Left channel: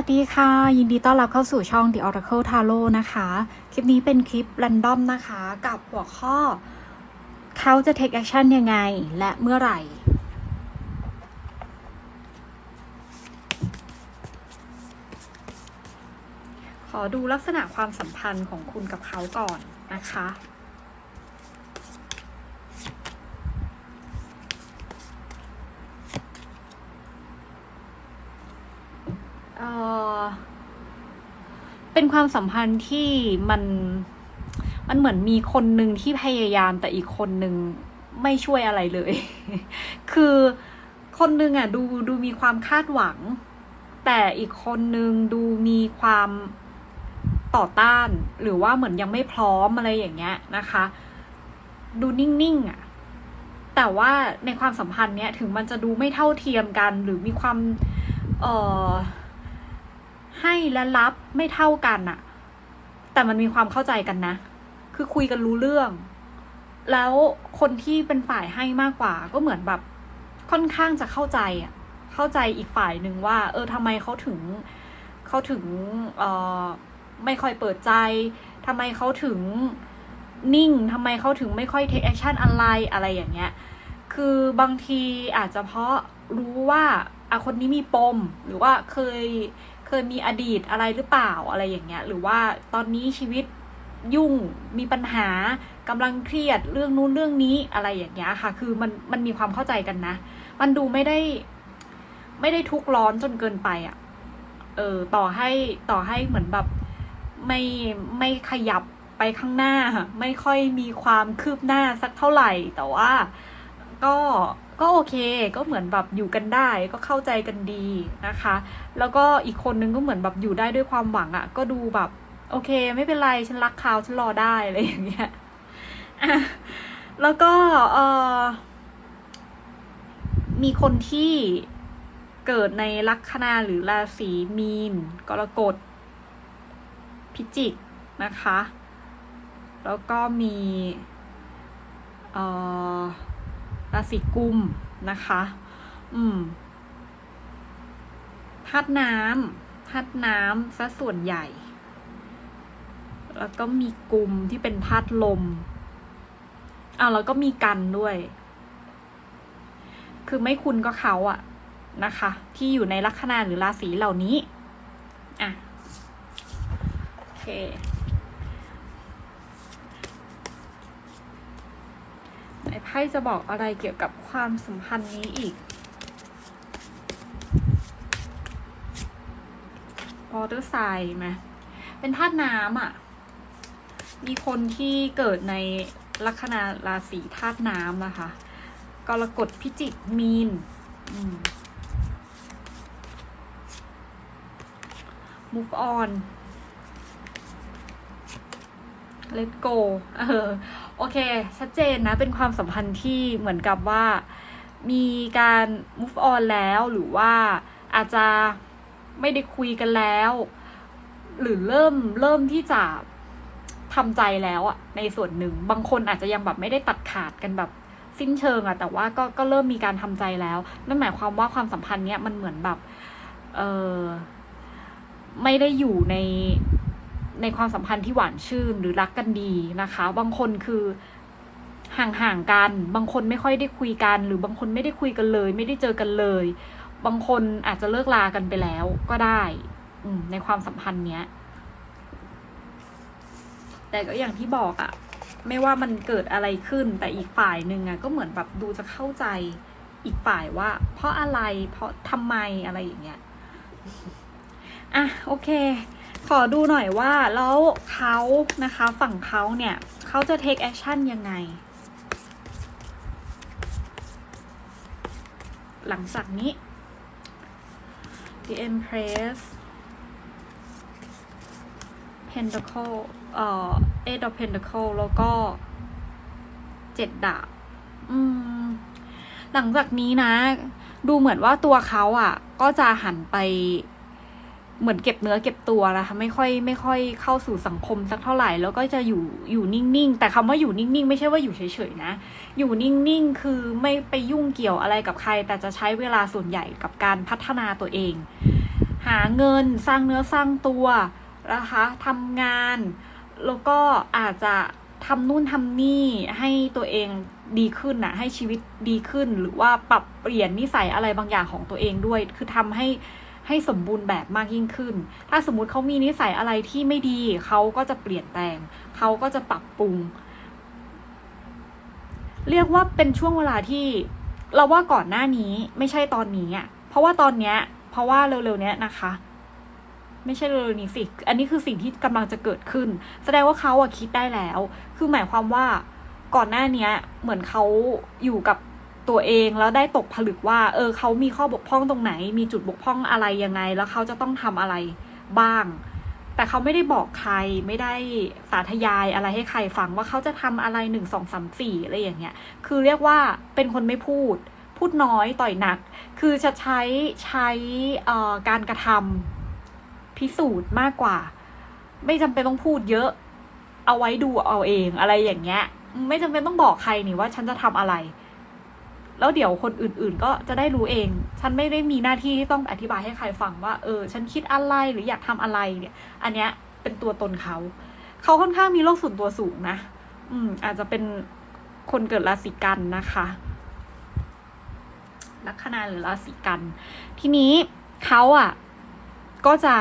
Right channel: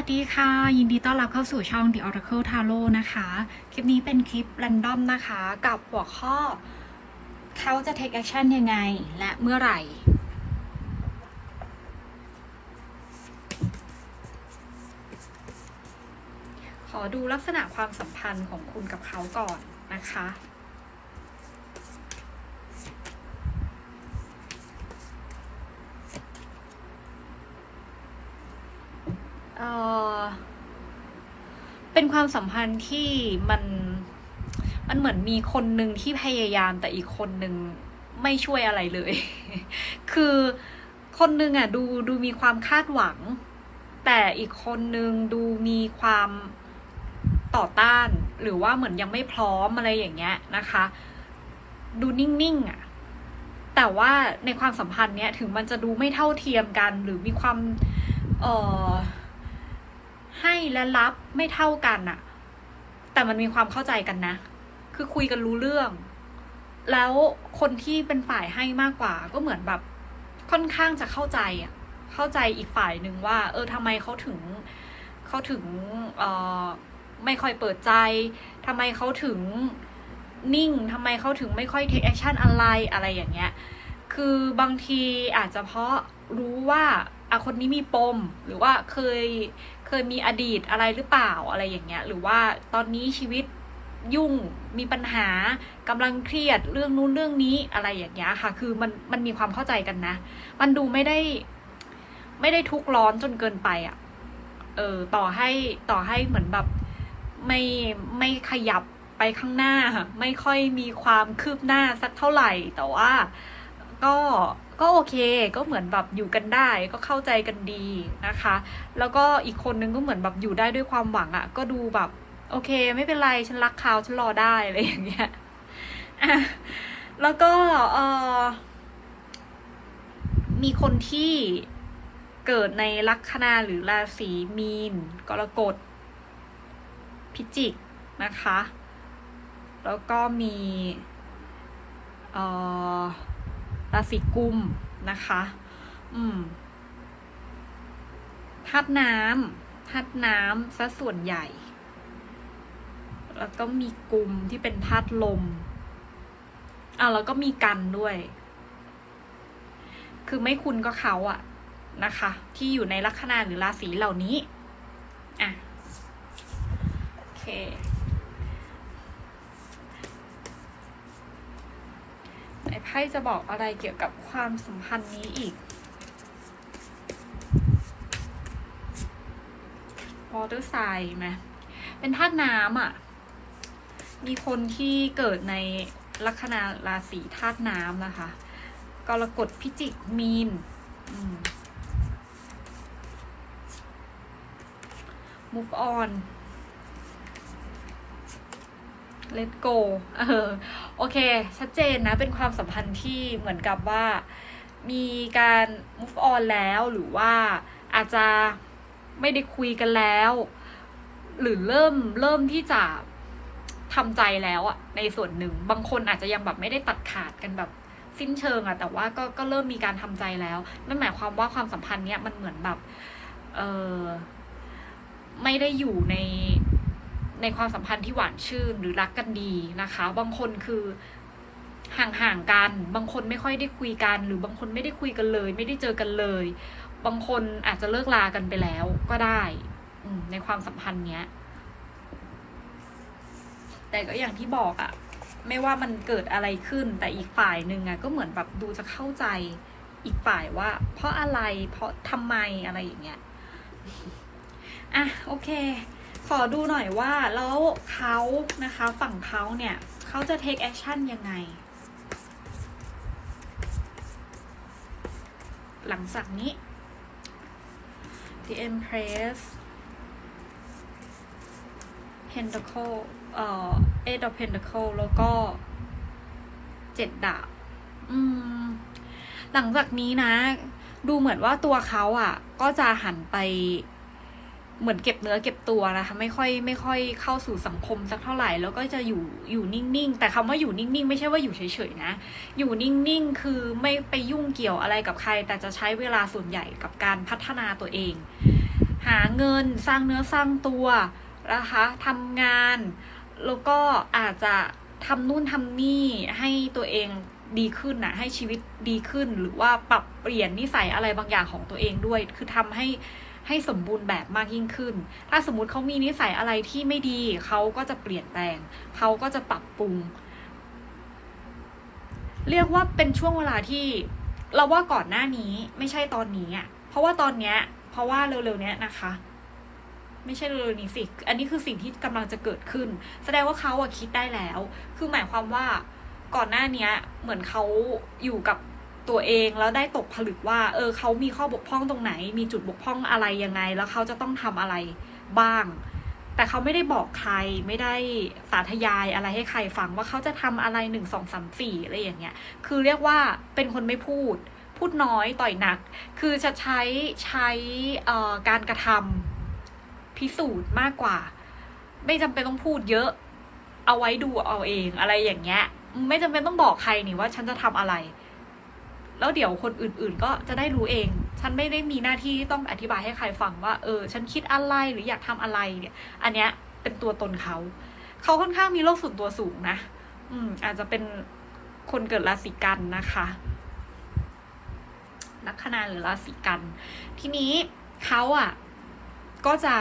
สวัสดีค่ะ ยินดีต้อนรับเข้าสู่ช่อง The Oracle Tarot นะคะ คลิปนี้เป็นคลิป r รนดอมนะคะ กับหัวข้อ เขาจะ take action ยังไง และเมื่อไหร่ ขอดูลักษณะความสัมพันธ์ของคุณกับเขาก่อนนะคะ เอ่อ เป็นความสัมพันธ์ที่มันมันเหมือนมีคนหนึ่งที่พยายามแต่อีกคนหนึ่งไม่ช่วยอะไรเลย คือคนหนึ่งอะดูดูมีความคาดหวัง แต่อีกคนหนึ่งดูมีความต่อต้าน หรือว่าเหมือนยังไม่พร้อมอะไรอย่างเงี้ยนะคะ ดูนิ่งๆอะแต่ว่าในความสัมพันธ์เนี้ยถึงมันจะดูไม่เท่าเทียมกัน หรือมีความเอ่อ ให้และรับไม่เท่ากันอะแต่มันมีความเข้าใจกันนะ คือคุยกันรู้เรื่อง แล้วคนที่เป็นฝ่ายให้มากกว่า ก็เหมือนแบบค่อนข้างจะเข้าใจอะเข้าใจอีกฝ่ายหนึ่งว่า เออทำไมเขาถึงเขาถึงเออไม่ค่อยเปิดใจทำไมเขาถึงนิ่งทำไมเขาถึงไม่ค่อย take action อะไรอะไรอย่างเงี้ย คือบางทีอาจจะเพราะรู้ว่าอะคนนี้มีปม หรือว่าเคย เคยมีอดีตอะไรหรือเปล่าอะไรอย่างเงี้ย หรือว่าตอนนี้ชีวิตยุ่งมีปัญหากำลังเครียดเรื่องนู้นเรื่องนี้อะไรอย่างเงี้ยค่ะ คือมันมันมีความเข้าใจกันนะ มันดูไม่ได้ ไม่ได้ทุกร้อนจนเกินไปอะ่ะเออต่อให้ต่อให้เหมือนแบบไม่ไม่ขยับไปข้างหน้า ไม่ค่อยมีความคืบหน้าสักเท่าไหร่ แต่ว่าก็ ก็โอเคก็เหมือนแบบอยู่กันได้ก็เข้าใจกันดีนะคะ แล้วก็อีกคนนึงก็เหมือนแบบอยู่ได้ด้วยความหวังอะ่ะ ก็ดูแบบ โอเค ไม่เป็นไรฉันรักเขาฉันรอได้อะไรอย่างเงี้ยแล้วก็เออมีคนที่เกิดในลัคนาหรือราศีมีน กรกฎพิจิกนะคะ แล้วก็มีเอ่อ ราศีกุมนะคะ อืมธาตุน้ำธาตุน้ำซะส่วนใหญ่ แล้วก็มีกุมที่เป็นธาตุลมอะแล้วก็มีกันด้วย คือไม่คุณก็เขาอะนะคะ ที่อยู่ในลัคนาหรือราศีเหล่านี้ อะ โอเค ไหนไพ่จะบอกอะไรเกี่ยวกับความสัมพันธ์นี้อีกวอเตอร์ไซด์ไหมเป็นธาตุน้ำอะ มีคนที่เกิดในลัคนาราศีธาตุน้ำนะคะ กรกฎพิจิกมีนอืม move on let go เออโอเค ชัดเจนนะ เป็นความสัมพันธ์ที่เหมือนกับว่า มีการ move on แล้วหรือว่าอาจจะไม่ได้คุยกันแล้ว หรือเริ่มเริ่มที่จะทำใจแล้วอะในส่วนหนึ่ง บางคนอาจจะยังแบบไม่ได้ตัดขาดกันแบบสิ้นเชิงอะแต่ว่าก็ก็เริ่มมีการทำใจแล้วนั่นหมายความว่าความสัมพันธ์เนี้ยมันเหมือนแบบ เออไม่ได้อยู่ใน ในความสัมพันธ์ที่หวานชื่นหรือรักกันดีนะคะ บางคนคือห่างๆกัน บางคนไม่ค่อยได้คุยกัน หรือบางคนไม่ได้คุยกันเลย ไม่ได้เจอกันเลย บางคนอาจจะเลิกลากันไปแล้วก็ได้อืในความสัมพันธ์เนี้ย แต่ก็อย่างที่บอกอะไม่ว่ามันเกิดอะไรขึ้น แต่อีกฝ่ายหนึ่งอะก็เหมือนแบบดูจะเข้าใจอีกฝ่ายว่า เพราะอะไรเพราะทำไมอะไรอย่างเงี้ยอะโอเค ขอดูหน่อยว่าแล้วเขานะคะฝั่งเขาเนี่ยเขาจะ take action ยังไง หลังจากนี้ the empress pentacle เอ่อ eight of pentacle แล้วก็เจ็ดดาบอืม หลังจากนี้นะ ดูเหมือนว่าตัวเขาอะ ก็จะหันไป เหมือนเก็บเนื้อเก็บตัวนะคะไม่ค่อยไม่ค่อยเข้าสู่สังคมสักเท่าไหร่ แล้วก็จะอยู่อยู่นิ่งๆ แต่คำว่าอยู่นิ่งๆ ไม่ใช่ว่าอยู่เฉยๆนะ อยู่นิ่งๆ คือไม่ไปยุ่งเกี่ยวอะไรกับใคร แต่จะใช้เวลาส่วนใหญ่กับการพัฒนาตัวเองหหาเงินสร้างเนื้อสร้างตัวนะคะทำงาน แล้วก็อาจจะทำนู่นทำนี่ให้ตัวเองดีขึ้นนะให้ชีวิตดีขึ้น หรือว่าปรับเปลี่ยนนิสัยอะไรบางอย่างของตัวเองด้วย คือทำให้ ให้สมบูรณ์แบบมากยิ่งขึ้น ถ้าสมมติเขามีนิสัยอะไรที่ไม่ดี เขาก็จะเปลี่ยนแปลง เขาก็จะปรับปรุง เรียกว่าเป็นช่วงเวลาที่เราว่าก่อนหน้านี้ไม่ใช่ตอนนี้อะ เพราะว่าตอนเนี้ย เพราะว่าเร็วๆเนี้ยนะคะ ไม่ใช่เร็วๆนี้สิ อันนี้คือสิ่งที่กำลังจะเกิดขึ้น แสดงว่าเขาอะคิดได้แล้ว คือหมายความว่าก่อนหน้าเนี้ย เหมือนเขาอยู่กับ ตัวเองแล้วได้ตกผลึกว่า เออเขามีข้อบกพร่องตรงไหน มีจุดบกพร่องอะไรยังไง แล้วเขาจะต้องทำอะไรบ้าง แต่เขาไม่ได้บอกใครไม่ได้สาธยายอะไรให้ใครฟังว่าเขาจะทำอะไรหนึ่งสองสามสี่อะไรอย่างเงี้ย คือเรียกว่าเป็นคนไม่พูด พูดน้อยต่อยหนัก คือจะใช้ใช้การกระทำพิสูจน์มากกว่า ไม่จำเป็นต้องพูดเยอะ เอาไว้ดูเอาเองอะไรอย่างเงี้ย ไม่จำเป็นต้องบอกใครนี่ว่าฉันจะทำอะไร แล้วเดี๋ยวคนอื่นๆ ก็จะได้รู้เอง ฉันไม่ได้มีหน้าที่ที่ต้องอธิบายให้ใครฟังว่า เออ ฉันคิดอะไรหรืออยากทำอะไรเนี่ย อันเนี้ยเป็นตัวตนเขา เขาค่อนข้างมีโลกส่วนตัวสูงนะ อืม อาจจะเป็นคนเกิดราศีกันนะคะ ลัคนาหรือราศีกัน ทีนี้เขาอะ ก็จะ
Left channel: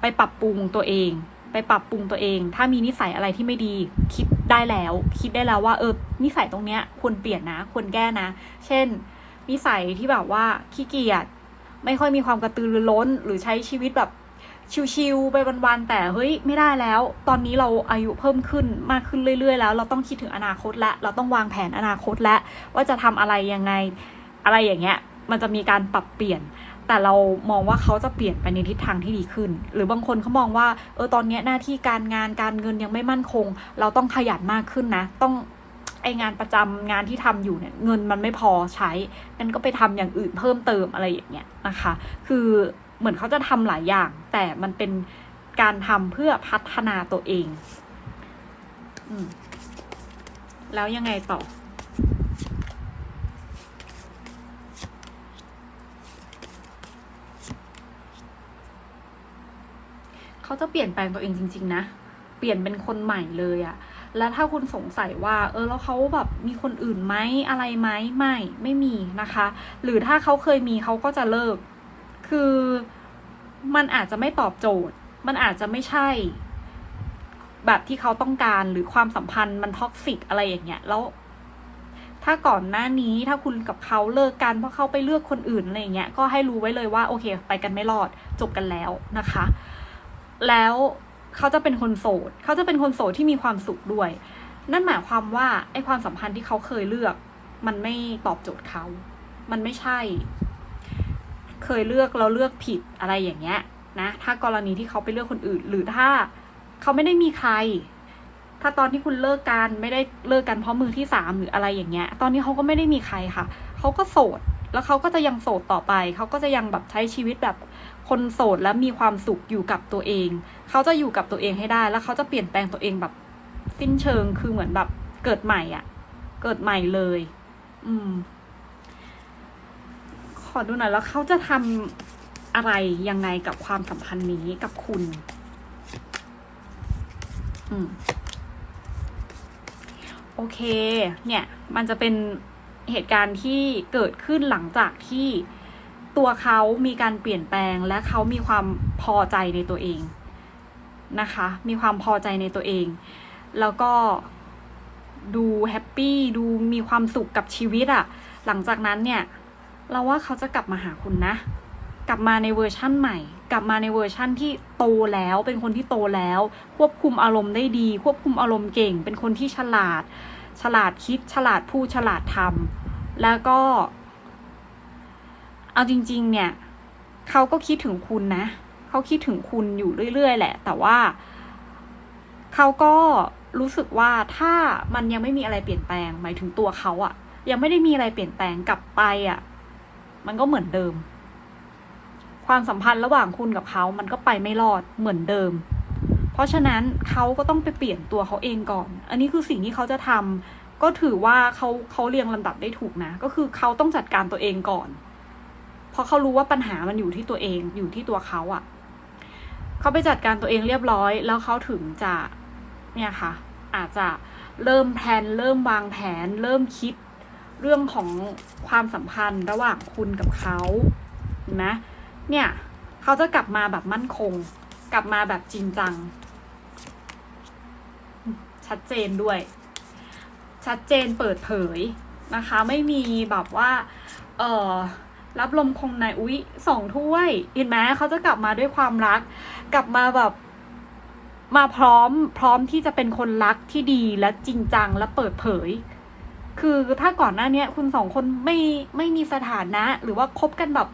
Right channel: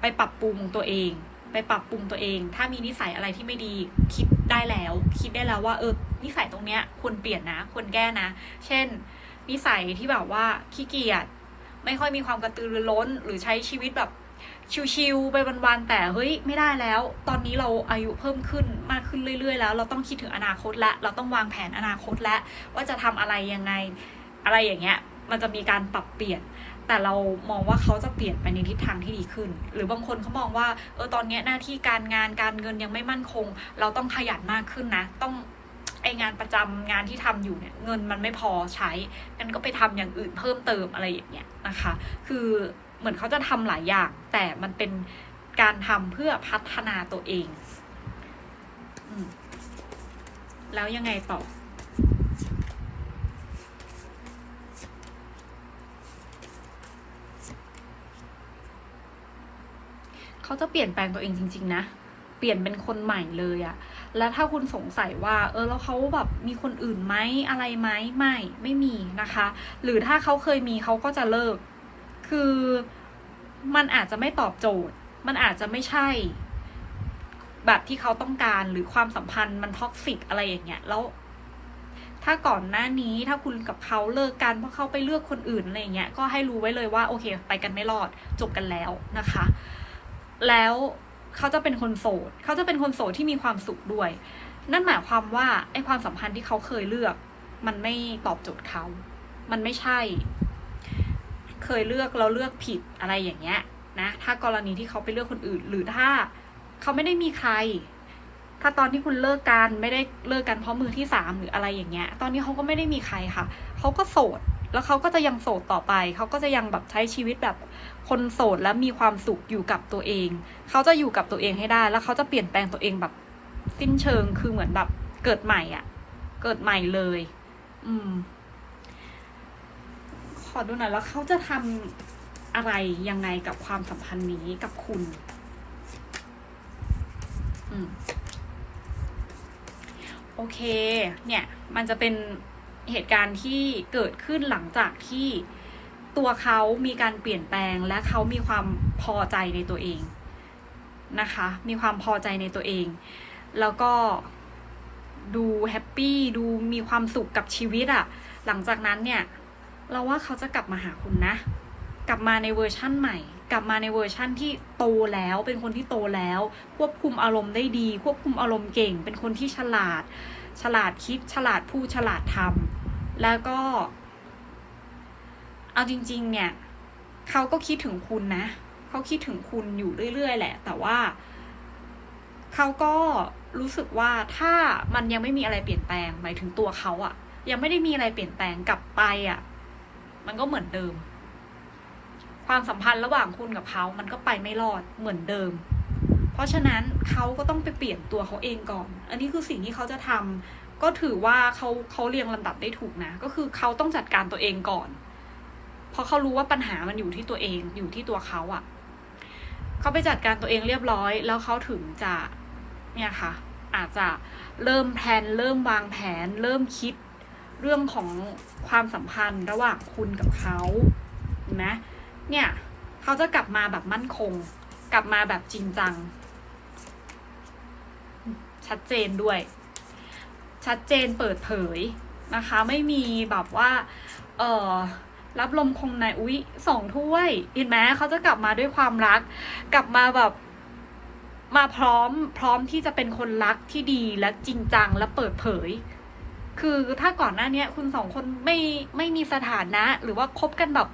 ไปปรับปรุงตัวเอง ไปปรับปรุงตัวเอง ถ้ามีนิสัยอะไรที่ไม่ดี คิดได้แล้ว คิดได้แล้วว่า เออ นิสัยตรงเนี้ยควรเปลี่ยนนะควรแก้นะ เช่น นิสัยที่แบบว่าขี้เกียจไม่ค่อยมีความกระตือรือร้น หรือใช้ชีวิตแบบชิวๆไปวันๆแต่เฮ้ยไม่ได้แล้ว ตอนนี้เราอายุเพิ่มขึ้นมากขึ้นเรื่อย ๆ แล้ว เราต้องคิดถึงอนาคตและ เราต้องวางแผนอนาคตและ ว่าจะทำอะไรยังไงอะไรอย่างเงี้ย มันจะมีการปรับเปลี่ยน แต่เรามองว่าเขาจะเปลี่ยนไปในทิศทางที่ดีขึ้น หรือบางคนเขามองว่าเออตอนนี้หน้าที่การงานการเงินยังไม่มั่นคง เราต้องขยันมากขึ้นนะ ต้อง ไองานประจำงานที่ทำอยู่เนี่ยเงินมันไม่พอใช้งั้นก็ไปทำอย่างอื่นเพิ่มเติมอะไรอย่างเงี้ยนะคะ คือเหมือนเขาจะทำหลายอย่าง แต่มันเป็นการทำเพื่อพัฒนาตัวเองอแล้วยังไงต่อเขาจะเปลี่ยนแปลงตัวเองจริง ๆ นะ เปลี่ยนเป็นคนใหม่เลยอะ แล้วถ้าคุณสงสัยว่าเออแล้วเขาแบบมีคนอื่นไหมอะไรไหมไม่ไม่มีนะคะ หรือถ้าเขาเคยมีเขาก็จะเลิก คือมันอาจจะไม่ตอบโจทย์ มันอาจจะไม่ใช่ แบบที่เขาต้องการหรือความสัมพันธ์มันท็อกซิกอะไรอย่างเงี้ยแล้วถ้าก่อนหน้านี้ถ้าคุณกับเขาเลิกกันเพราะเขาไปเลือกคนอื่นอะไรอย่างเงี้ยก็ให้รู้ไว้เลยว่าโอเค ไปกันไม่รอดจบกันแล้วนะคะ แล้ว เขาจะเป็นคนโสด เขาจะเป็นคนโสดที่มีความสุขด้วย นั่นหมายความว่าไอ้ความสัมพันธ์ที่เขาเคยเลือก มันไม่ตอบโจทย์เขา มันไม่ใช่ เคยเลือกแล้วเลือกผิดอะไรอย่างเงี้ยนะ ถ้ากรณีที่เขาไปเลือกคนอื่น หรือถ้าเขาไม่ได้มีใคร ถ้าตอนที่คุณเลิกกันไม่ได้เลิกกันเพราะมือที่สามหรืออะไรอย่างเงี้ย ตอนนี้เขาก็ไม่ได้มีใครค่ะ เขาก็โสด แล้วเขาก็จะยังโสดต่อไป เขาก็จะยังแบบใช้ชีวิตแบบคนโสดและมีความสุขอยู่กับตัวเอง เขาจะอยู่กับตัวเองให้ได้ แล้วเขาจะเปลี่ยนแปลงตัวเองแบบสิ้นเชิง คือเหมือนแบบเกิดใหม่อะ่ะ เกิดใหม่เลย อืม ขอดูหน่อยแล้วเขาจะทำอะไรยังไงกับความสัมพันธ์นี้กับคุณ อืม โอเค เนี่ย มันจะเป็น เหตุการณ์ที่เกิดขึ้นหลังจากที่ตัวเขามีการเปลี่ยนแปลงและเขามีความพอใจในตัวเองนะคะ มีความพอใจในตัวเอง แล้วก็ดูแฮปปี้ดูมีความสุขกับชีวิตอะหลังจากนั้นเนี่ย เราว่าเขาจะกลับมาหาคุณนะ กลับมาในเวอร์ชั่นใหม่ กลับมาในเวอร์ชั่นที่โตแล้วเป็นคนที่โตแล้ว ควบคุมอารมณ์ได้ดี ควบคุมอารมณ์เก่ง เป็นคนที่ฉลาด ฉลาดคิดฉลาดพูดฉลาดทำแล้วก็ เอาจริง ๆ เนี่ยเขาก็คิดถึงคุณนะเขาคิดถึงคุณอยู่เรื่อย ๆ แหละ แต่ว่าเขาก็รู้สึกว่าถ้ามันยังไม่มีอะไรเปลี่ยนแปลง หมายถึงตัวเขาอะยังไม่ได้มีอะไรเปลี่ยนแปลงกลับไปอะมันก็เหมือนเดิม ความสัมพันธ์ระหว่างคุณกับเขา มันก็ไปไม่รอดเหมือนเดิม เพราะฉะนั้นเขาก็ต้องไปเปลี่ยนตัวเขาเองก่อน อันนี้คือสิ่งที่เขาจะทำก็ถือว่าเขาเขาเรียงลำดับได้ถูกนะ ก็คือเขาต้องจัดการตัวเองก่อน เพราะเขารู้ว่าปัญหามันอยู่ที่ตัวเองอยู่ที่ตัวเขาอะเขาไปจัดการตัวเองเรียบร้อย แล้วเขาถึงจะเนี่ยค่ะ อาจจะเริ่มแพลนเริ่มวางแผน เริ่มคิดเรื่องของความสัมพันธ์ระหว่างคุณกับเขาเห็นไหมเนี่ย เขาจะกลับมาแบบมั่นคง กลับมาแบบจริงจัง ชัดเจนด้วย ชัดเจนเปิดเผยนะคะ ไม่มีแบบว่า เออรับลมคมในอุ๊ยสองถ้วยเห็นไหมเขาจะกลับมาด้วยความรัก กลับมาแบบมาพร้อมพร้อมที่จะเป็นคนรักที่ดีและจริงจังและเปิดเผย คือถ้าก่อนหน้านี้คุณสองคนไม่ไม่มีสถานะ หรือว่าคบกันแบบ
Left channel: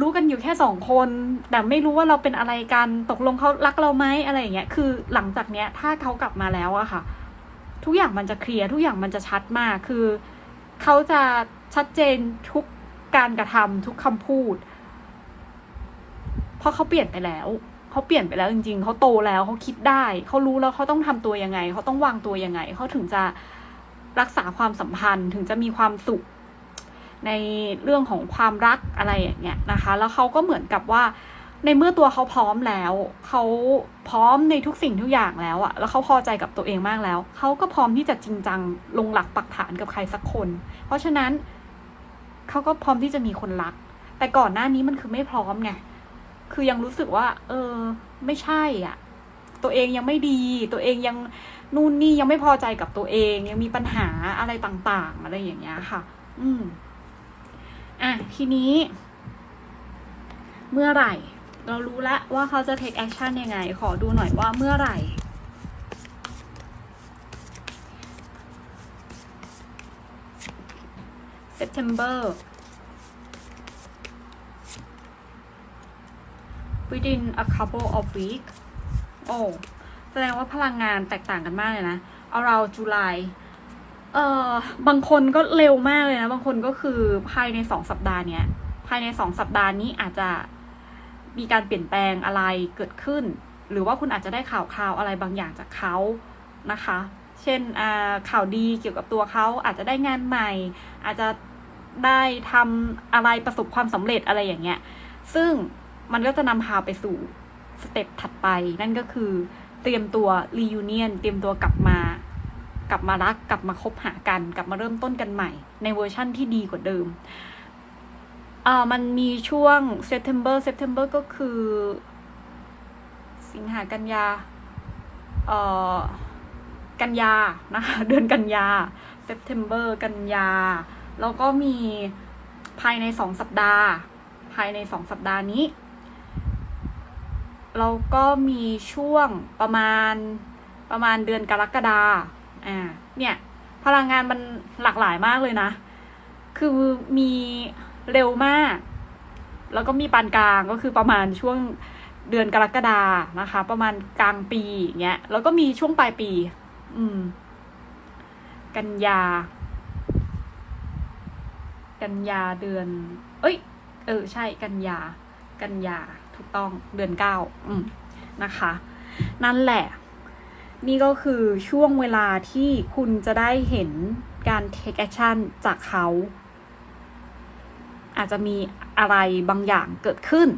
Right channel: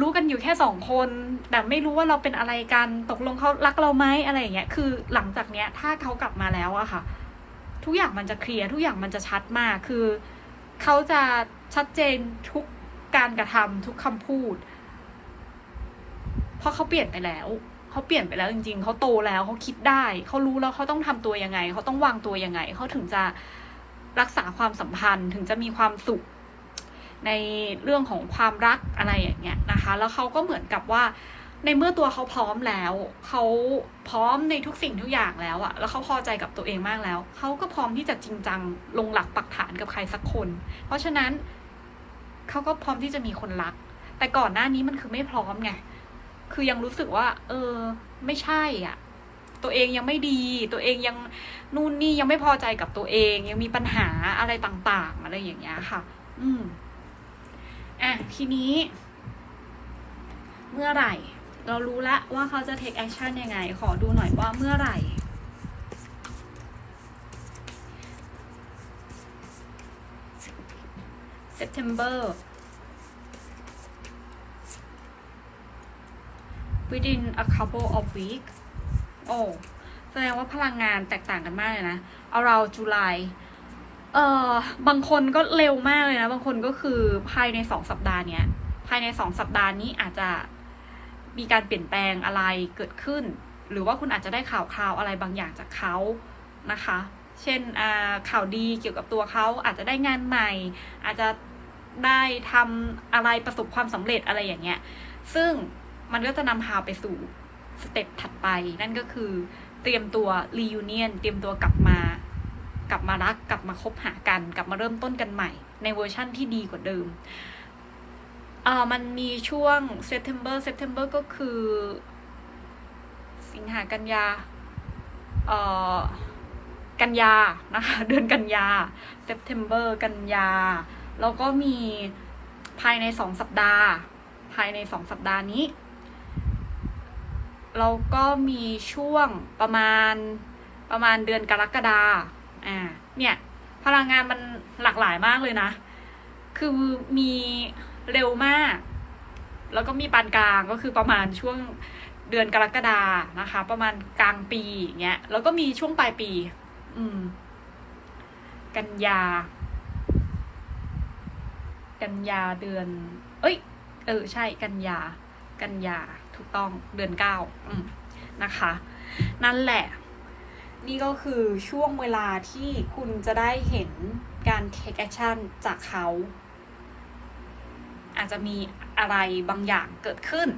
รู้กันอยู่แค่สองคน แต่ไม่รู้ว่าเราเป็นอะไรกันตกลงเขารักเราไหมอะไรอย่างเงี้ยคือหลังจากเนี้ย ถ้าเขากลับมาแล้วอะค่ะ ทุกอย่างมันจะเคลียร์ทุกอย่างมันจะชัดมากคือเขาจะชัดเจนทุกการกระทำทุกคำพูด เพราะเขาเปลี่ยนไปแล้วเขาเปลี่ยนไปแล้วจริงๆเขาโตแล้วเขาคิดได้เขารู้แล้วเขาต้องทำตัวยังไงเขาต้องวางตัวยังไงเขาถึงจะรักษาความสัมพันธ์ถึงจะมีความสุข ในเรื่องของความรักอะไรอย่างเงี้ยนะคะ แล้วเขาก็เหมือนกับว่า ในเมื่อตัวเขาพร้อมแล้วเขาพร้อมในทุกสิ่งทุกอย่างแล้วอะแล้วเขาพอใจกับตัวเองมากแล้วเขาก็พร้อมที่จะจริงจังลงหลักปักฐานกับใครสักคน เพราะฉะนั้นเขาก็พร้อมที่จะมีคนรัก แต่ก่อนหน้านี้มันคือไม่พร้อมไงคือยังรู้สึกว่า เออ ไม่ใช่อะ ตัวเองยังไม่ดี ตัวเองยังนู่นนี่ยังไม่พอใจกับตัวเอง ยังมีปัญหาอะไรต่าง ๆ อะไรอย่างเงี้ยค่ะ อืม อะ ทีนี้ เมื่อไหร่ เรารู้แล้วว่าเขาจะ take action ยังไง ขอดูหน่อยว่าเมื่อไหร่ September within a couple of weeks โอ้ แสดงว่าพลังงานแตกต่างกันมากเลยนะ เอาเราจุลาย เอ่อบางคนก็เร็วมากเลยนะ บางคนก็คือภายในสองสัปดาห์เนี้ย ภายในสองสัปดาห์นี้อาจจะมีการเปลี่ยนแปลงอะไรเกิดขึ้น หรือว่าคุณอาจจะได้ข่าวคราวอะไรบางอย่างจากเขานะคะ เช่นข่าวดีเกี่ยวกับตัวเขาอาจจะได้งานใหม่ อาจจะได้ทำอะไรประสบความสำเร็จอะไรอย่างเงี้ย ซึ่งมันก็จะนำพาไปสู่สเต็ปถัดไป นั่นก็คือเตรียมตัว reunion เตรียมตัวกลับมา กลับมารักกลับมาคบหากัน กลับมาเริ่มต้นกันใหม่ ในเวอร์ชั่นที่ดีกว่าเดิมอ่ามันมีช่วง September September ก็คือ สิงหากันยาเอ่อกันยานะคะเดือนกันยา September กันยา แล้วก็มีภายในสองสัปดาห์ ภายในสองสัปดาห์นี้เราก็มีช่วงประมาณประมาณเดือนกรกฎา อ่า เนี่ย พลังงานมันหลากหลายมากเลยนะ คือมีเร็วมาก แล้วก็มีปานกลางก็คือประมาณช่วงเดือนกรกฎานะคะ ประมาณกลางปีเงี้ย แล้วก็มีช่วงปลายปี อืม กันยา กันยาเดือน เอ้ย เออ ใช่ กันยา กันยา ถูกต้อง เดือนเก้า อืม นะคะ นั่นแหละ นี่ก็คือช่วงเวลาที่คุณจะได้เห็นการ take action จากเขา อาจจะมีอะไรบางอย่างเกิดขึ้น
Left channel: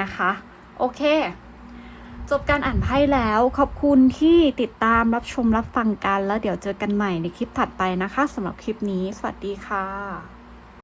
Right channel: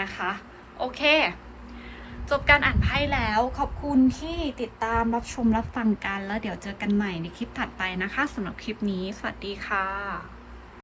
นะคะ โอเค จบการอ่านไพ่แล้วขอบคุณที่ติดตามรับชมรับฟังกัน แล้วเดี๋ยวเจอกันใหม่ในคลิปถัดไปนะคะสำหรับคลิปนี้ สวัสดีค่ะ